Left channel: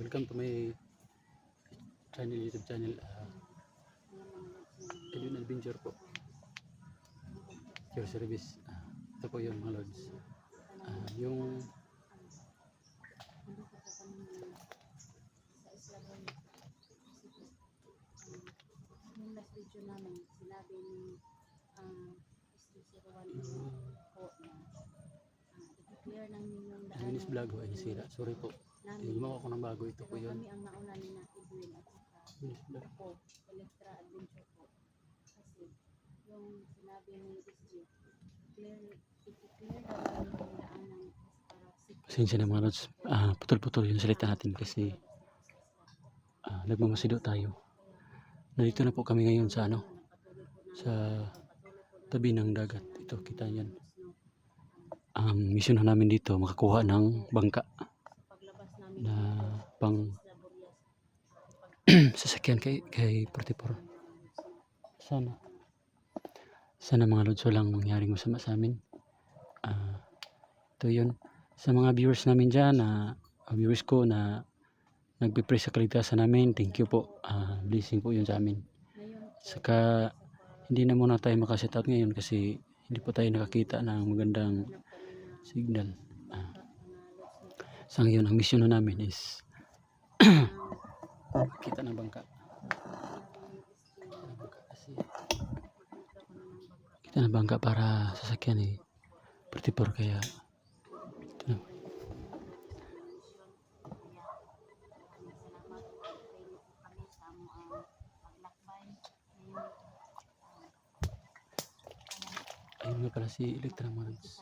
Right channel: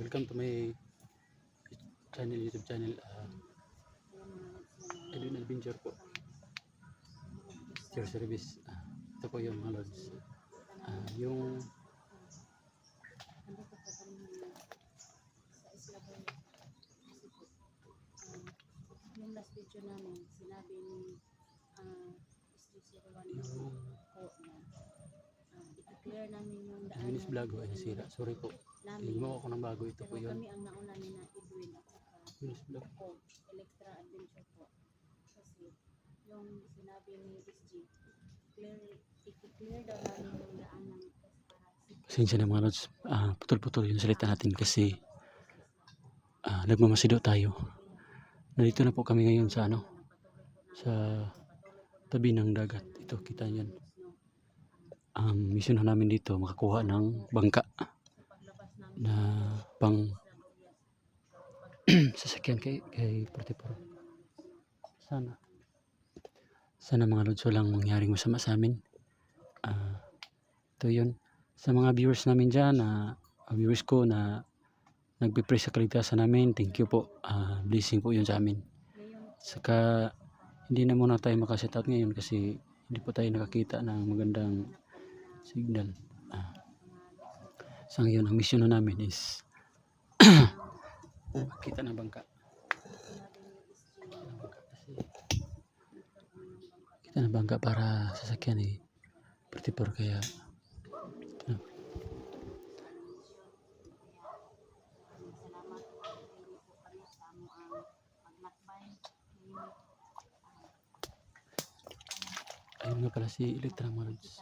Welcome to my channel, YouTube channel, Edwin Adventure po. Your service. Ito po yun mga lods. Yung Nung last video namin, sinabi ni SG01 yung po na i-clear namin yung daan Edwin's vlog ay nasira. Sorry po. Gumawa ko ng bago. Ito po yun. Kami ang nauna ni na Edwin at saka Edwin's vlog. po, Electra Adventure po. Kasi yung sinabi ni SG, i-clear daw namin yung daan ng Pasensya na mga lods. Putol-putol yung salita natin kasi nagmamasido tayo. Nandito na po kami ngayon sa sa tabi ng dagat. Ito, kita niyan. Ang mission namin dito makakuha ng bangka na pang sasakyan kay 44. Sana mga lods walang mangyaring masama sa amin. Ito yun sa mga viewers namin dyan, viewers ko na nagpipray sa kaligtasan namin. Thank you po. Blessing po yun sa amin. Saka hindi na muna tayo makaset out ngayon kasi hindi po tayo nakakita ng magandang signal. Sa ngayon ang mission na namin is kita ng bangka. Kita ng bangka para sasakyan 44 kaya ayun nga pala si Electra mga lods.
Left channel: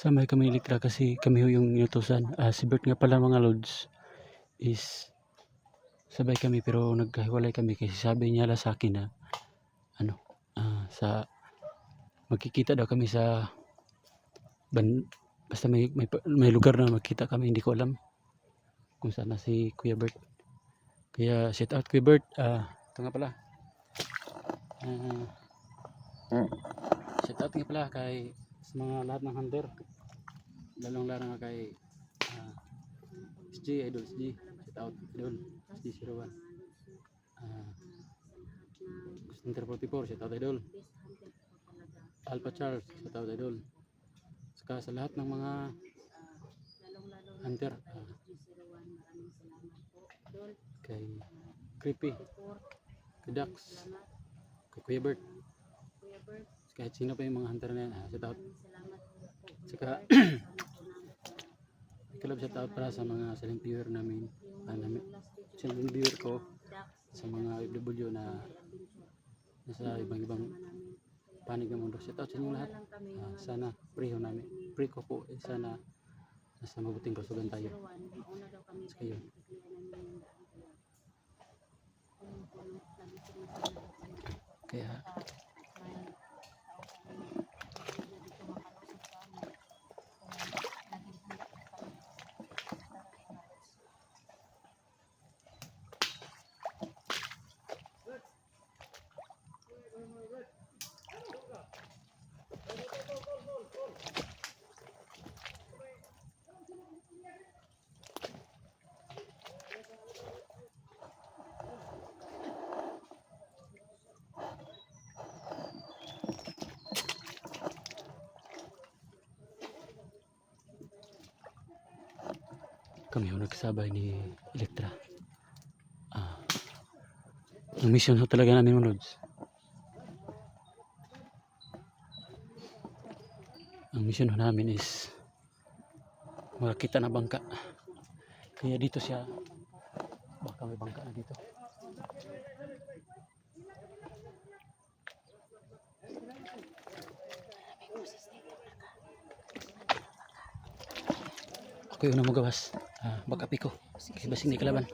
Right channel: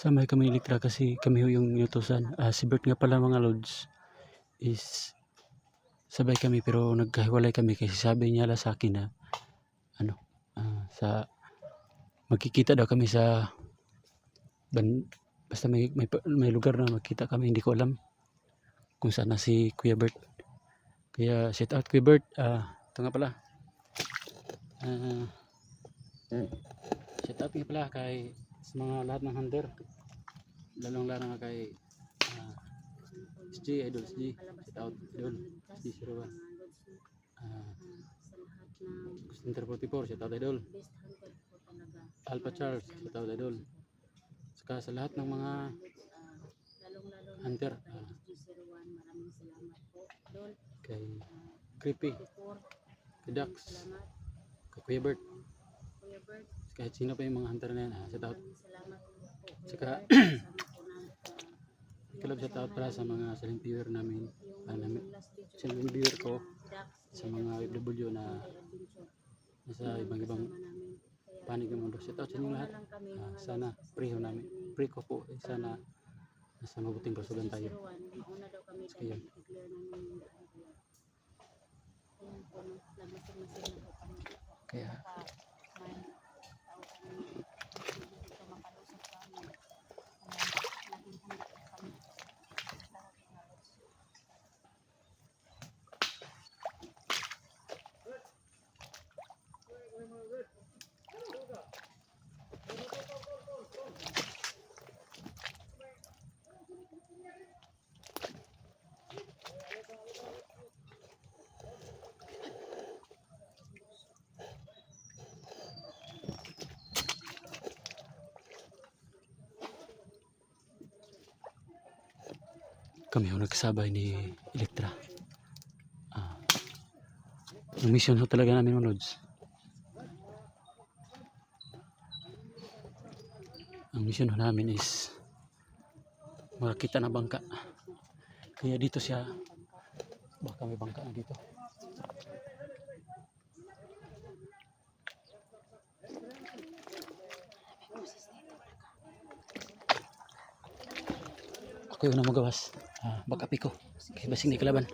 Samay kami Electra kasi kami yung inutusan. Si Bert nga pala mga lods is sabay kami pero nagkahiwalay kami kasi sabi niya sa akin na sa magkikita daw kami sa basta may lugar na magkita kami, hindi ko alam kung saan na si Kuya Bert. Kaya shout out Kuya Bert. Ito nga pala. Shout out nga pala kay sa mga lahat ng hunter, lalong-lalo nga kay SG, Idol SG. Shout out Idol SG01. Hunter 44, shout out Idol. Alpha Charles, shout out Idol. Saka sa lahat ng mga hunter, kay Creepy, kay Dax, kay Kuya Bert, kahit sino pa yung mga hunter na yan, shout out. Saka club shout out para sa mga silent viewer namin, silent viewer ko, sa mga OFW na nasa ibang panig ng mundo. Shout out sa inyong lahat. Sana pray ko po sana nasa mabuting kasugan tayo. So yun. Kaya kami yung nagsabay ni Electra. Ang mission ho talaga namin mga lods. Ang mission ho namin is makakita na bangka. Kaya dito siya, baka may bangka na dito. Ako yung namagawas. Bakapi ko. Kasi basing di kalaban.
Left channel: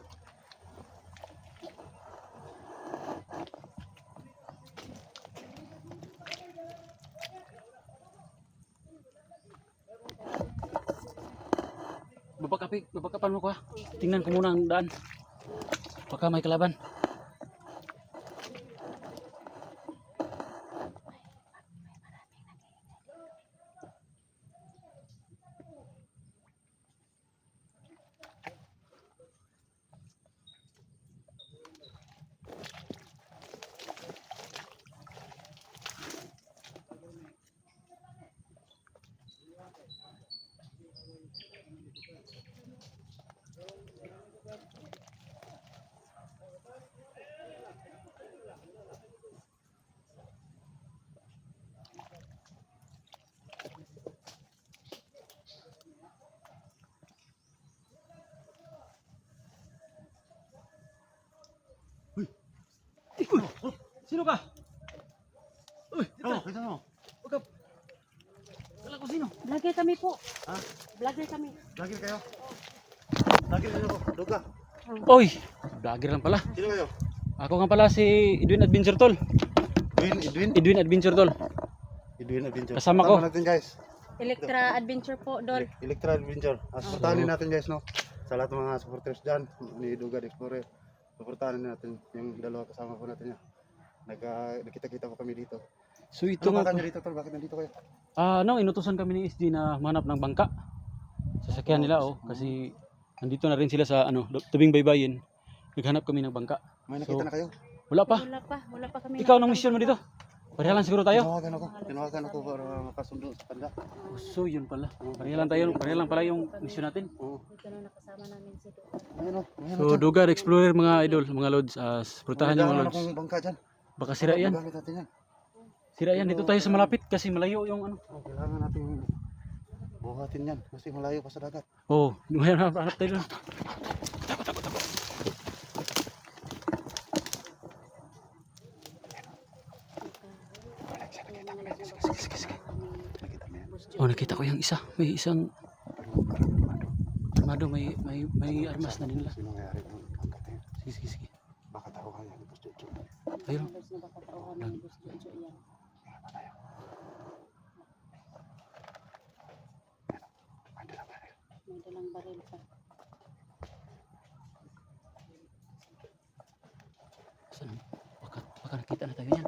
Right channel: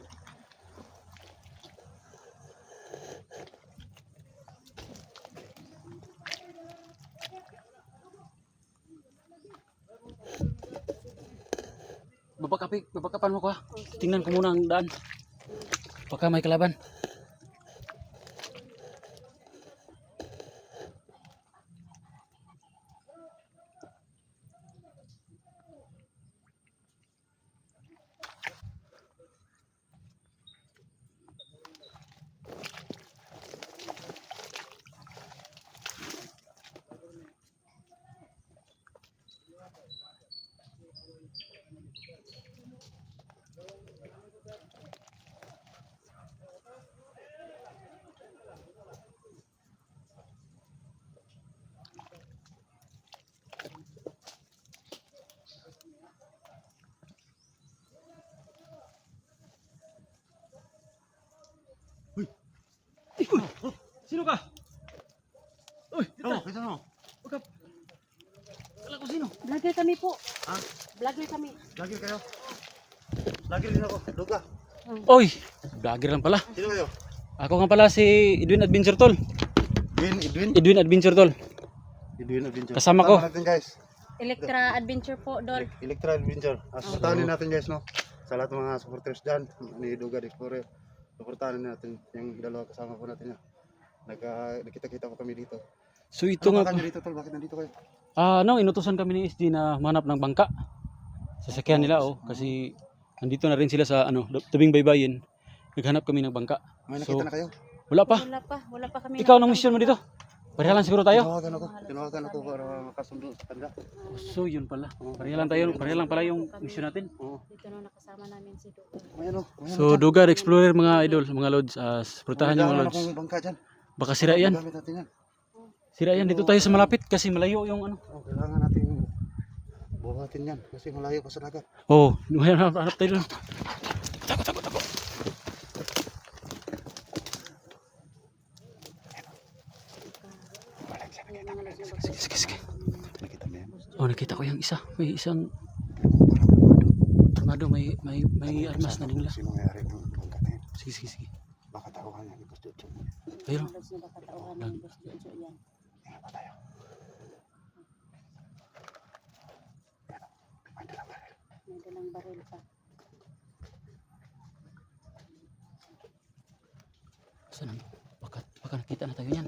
Babakapan mo ko ha. Tingnan ko muna ang daan. Baka may kalaban. Sino ka? Uy, Oh, kita mo. Huwag ka. Kala ko sino? Vlogger kami po. Ha? Vlogger kami. Lagi kayo. Lagi din ako. Luga. Oy, vlogger lang pala. Sino kayo? Ako nga pala si Edwin Adventure Tol. Edwin. Edwin Adventure Tol. Edwin Adventure. Kasama ko. Natin guys. Electra Adventure po, Dol. Electra Adventure. Supportahan natin guys, no? Sa lahat ng mga supporters dyan. Ni Duga Explorer. Supportahan natin yung dalawa kasama po natin niya. Nakita-kita po kami dito. So ito Ano nga. ba kanyo dito, Tol? Bakit nandito kayo? Inutusan kami ni SG na manap ng bangka. Sasakyan nila kasi nandito na rin sila sa tabing baybayin. Naghanap kami ng bangka. May nakita na kayo? Wala pa. Wala pa kami. Ikaw anong mission mo dito? Parehalan siguro tayo. Tinawagan ako para makasundo sa kanya. So yun pala. Parehalan pala yung mission natin. Oo. Dito na nakasama namin si Dol. Ayan o. So Duga Explorer mga idol, mga lods, supportahan niyo mga lods. akong bangka dyan. Baka sira yan. Magamit natin yan. Sira yan dito tayo sa malapit kasi malayo yung Kailangan natin buhatin yan kasi malayo pa sa dagat. Oh, hanap tayo doon. Oh, nakita ko yung isa. May isang armado, may armas na nila. Sino may-ari ng bangka na yun? Sige. Baka tawahan ng gusto dyan. Ayun. Halos na baka tauhan ng Boss Jojo yan. Ingat pa tayo. May dalang baril pa. Saan? Baka nakita na tayo yan.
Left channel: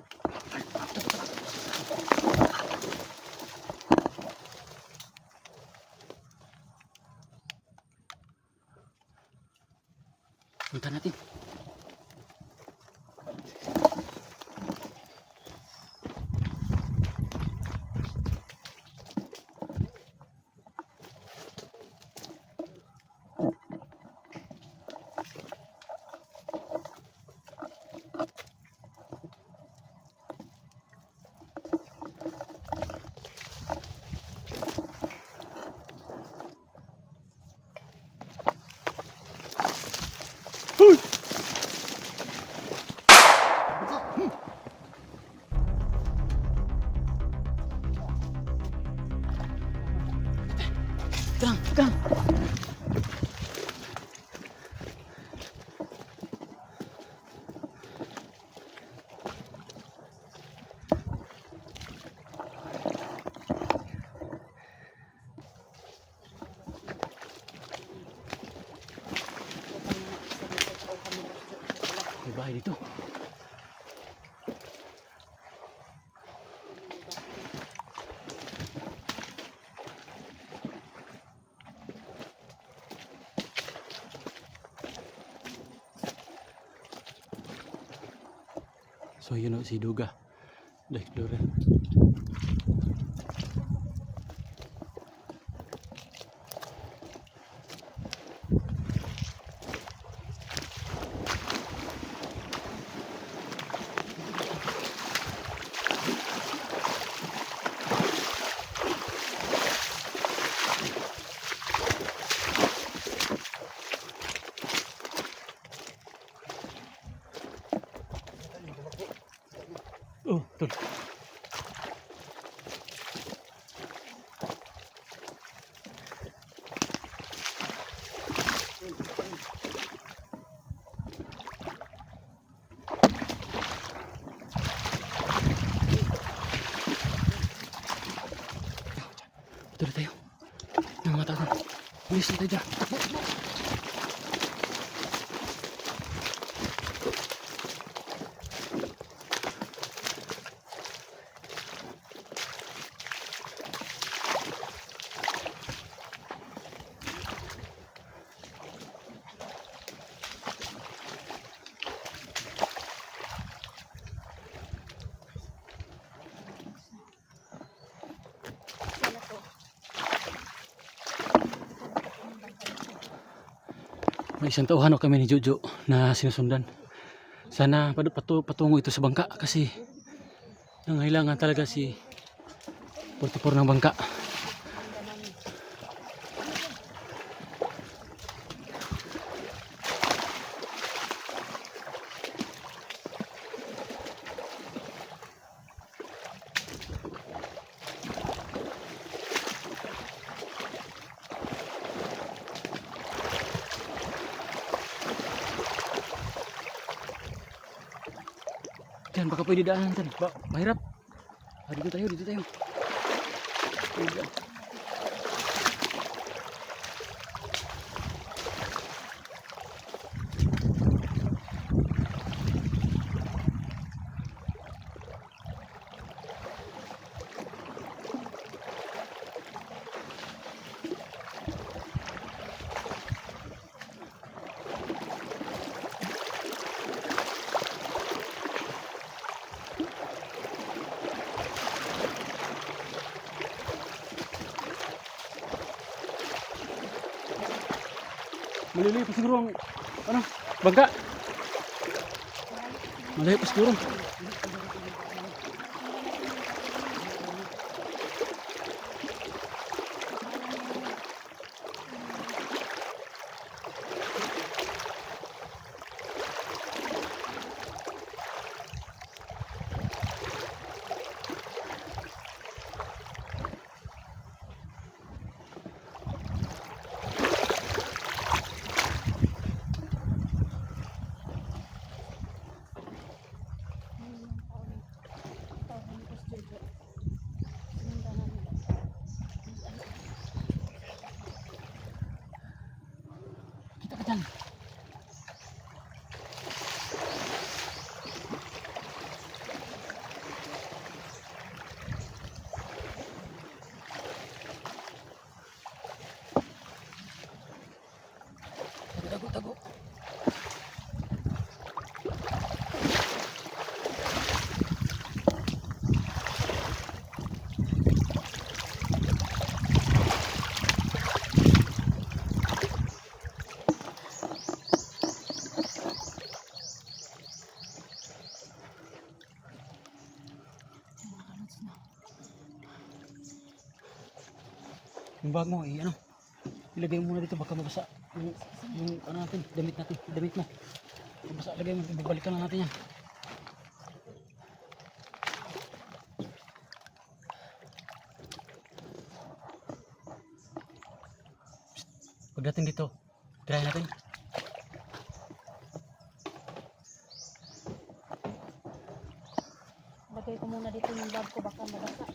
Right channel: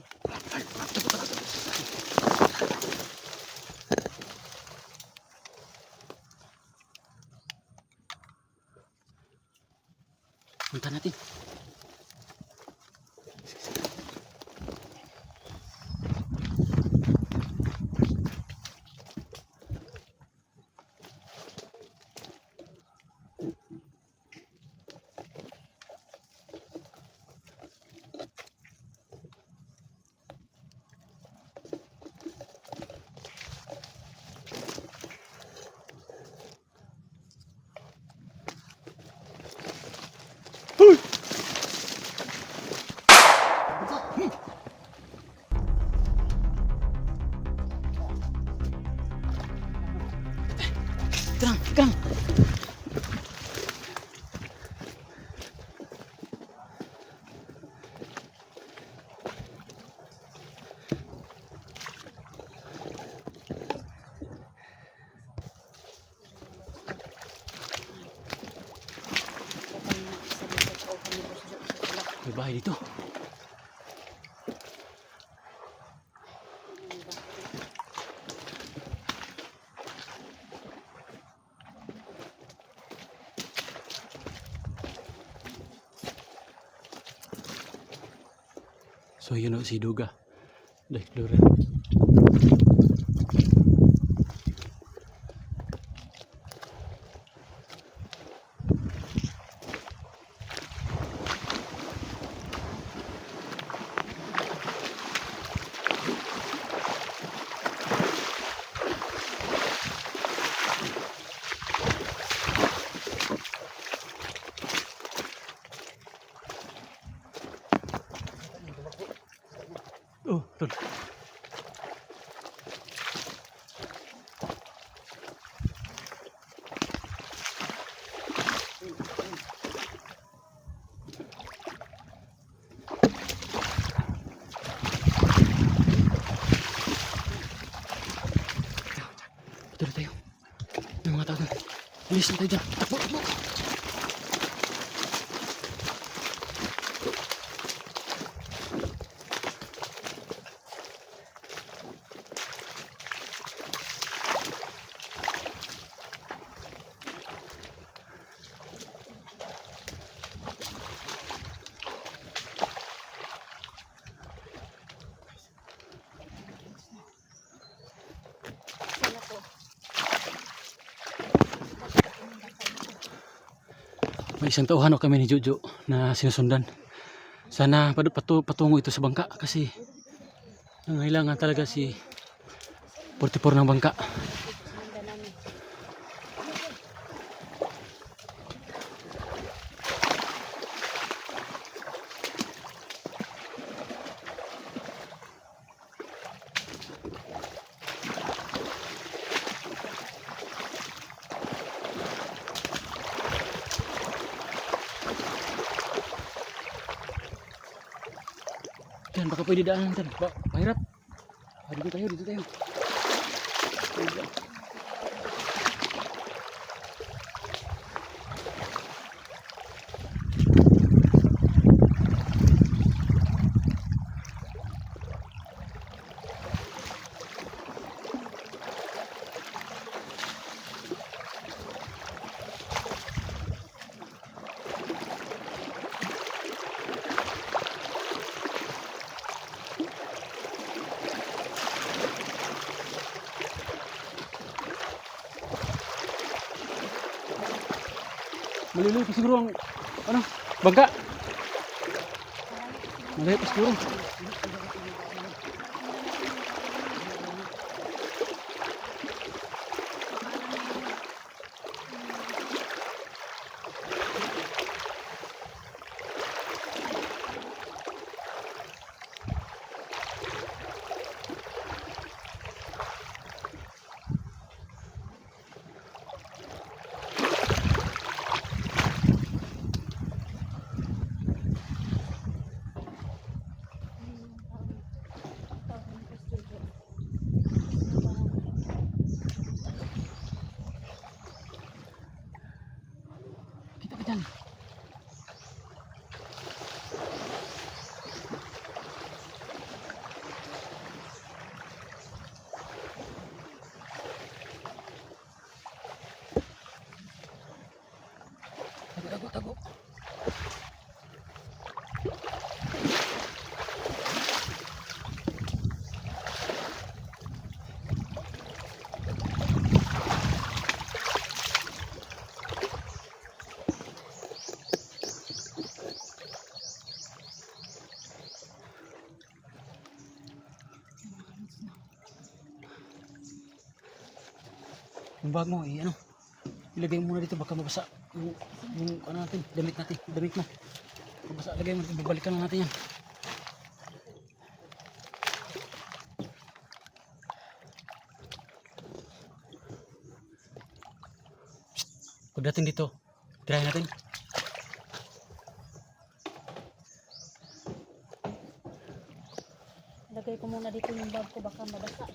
Punta natin. Kang. May bahay dito. So yun o, si Duga the Explorer. Oh, tol. Betul tayo. May mga tao doon. Bilis na tayo dyan. May isang tauhan kami ni Jojo na sinusundan. Sana patungo ito sa bangka kasi nangailangan talaga si 44 ng bangka. Diyan, baka pwede daanan dyan. Mahirap. Dito tayo, dito tayo. Maliliit pa siguro ang ano, bangka. Maliliit pa siguro. Kita ka dyan. Tago. Yung bag mo, ano, ilagay mo muna dito baka mabasa yung ano natin, damit mo. Mabasa, lagay mo, babalikan na natin yan. Pagdating dito, try natin. Lagay ko muna dito yung bag ko, baka mabasa.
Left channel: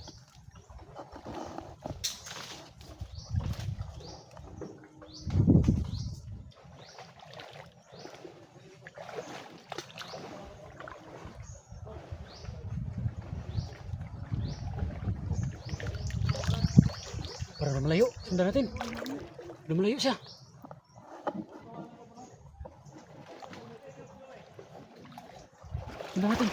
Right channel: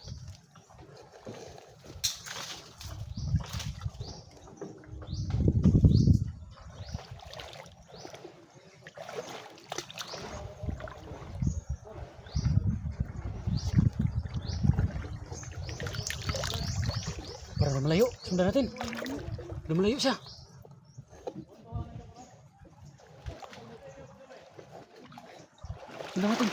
Para malayo, sundan natin. Lumalayo siya. Sundan natin.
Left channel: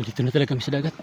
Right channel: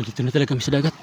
Dito na talaga kami sa dagat.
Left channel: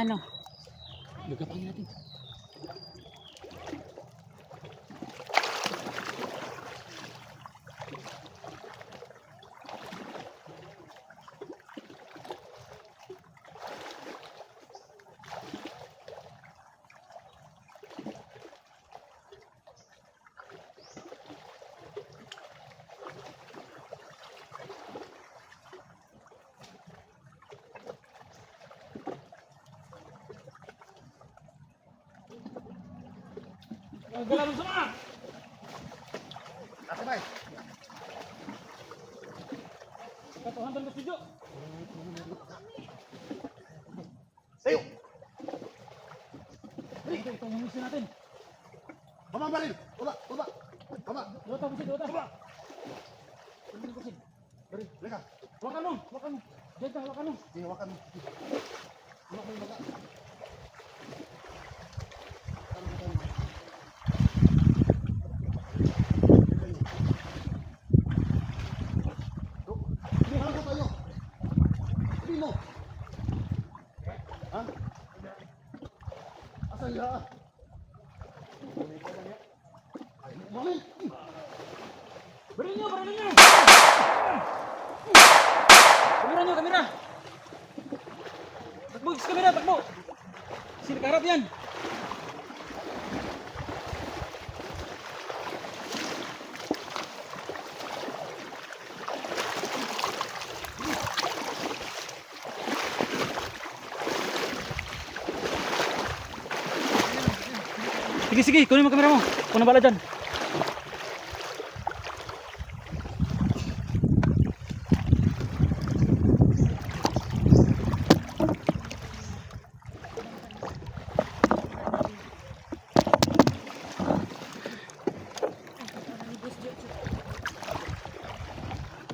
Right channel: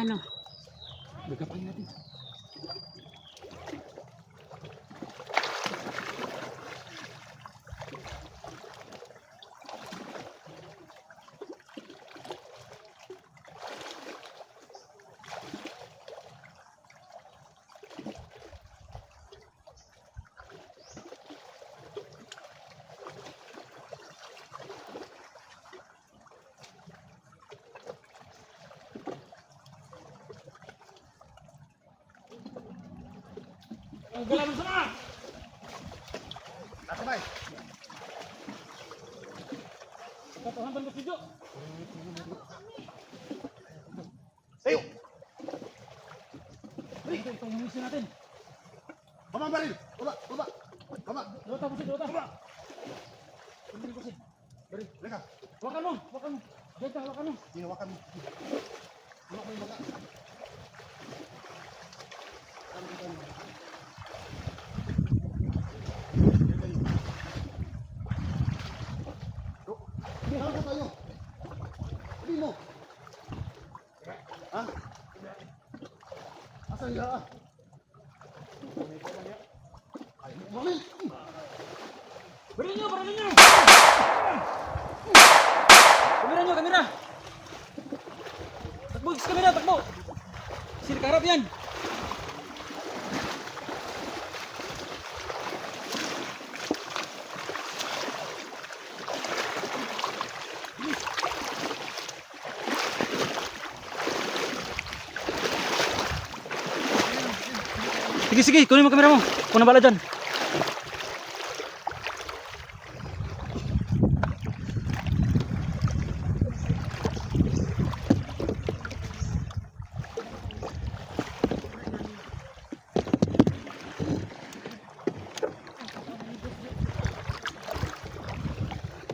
Ano? Bigatan natin. Ang galaman sama! Ako ba? Katuhan ko video. Tayo! Ito yung mission natin. Baba baril! Baba! Baba! Baba! Dota busit, dota. Baba! Kunin busit. Bari! Leka! Wakan mo, wakan mo. Diyan ka, wakan mo. Hihawakan mo. Hawak mo yung baga. Hihawakan mo tayo. Hindi mo. Ha? Asan hiha? Ay, umamin! Beri nyo! Kamera! Takbo, kamera, takbo! Sini karap yan! Sige, kunin mo kamera mo. Kung nabala dyan.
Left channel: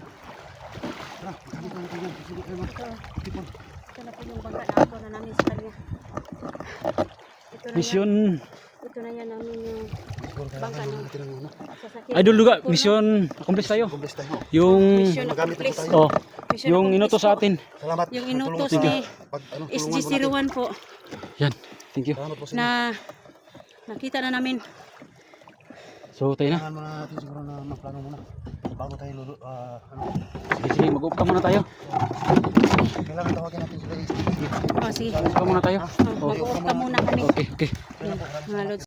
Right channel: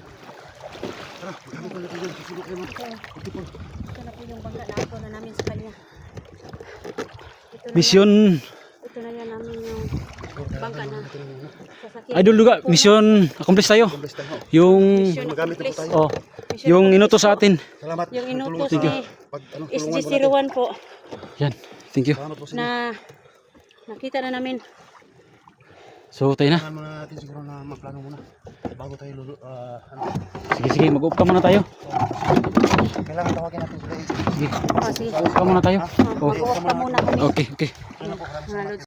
Tara, magamit na natin yun. Susunod kayo, no? Tipon. Ito na po yung bangka na ako na namin sa kanya. Ito na Mission Ito na yan namin yung bangka na sasakyan. Idol Duga, mission accomplish tayo. Kumblis tayo. Yung Mission Magamit na po accomplished. tayo. oh, yung inuto sa atin. Salamat. Yung inutos Tulungan ni sa pag, ano, tulungan po natin. SG01 po Yan. Thank you. Salamat po sa inyo. na nakita na namin. So tayo na. Kailangan muna natin siguro na magplano muna. Bago tayo ano, Sige, mag-up ka muna tayo. kailangan tawagin natin sila. Sige, Sige. mag-up ka muna tayo. Mag-uok ka muna kami. Okay. Ano po, Mga lods.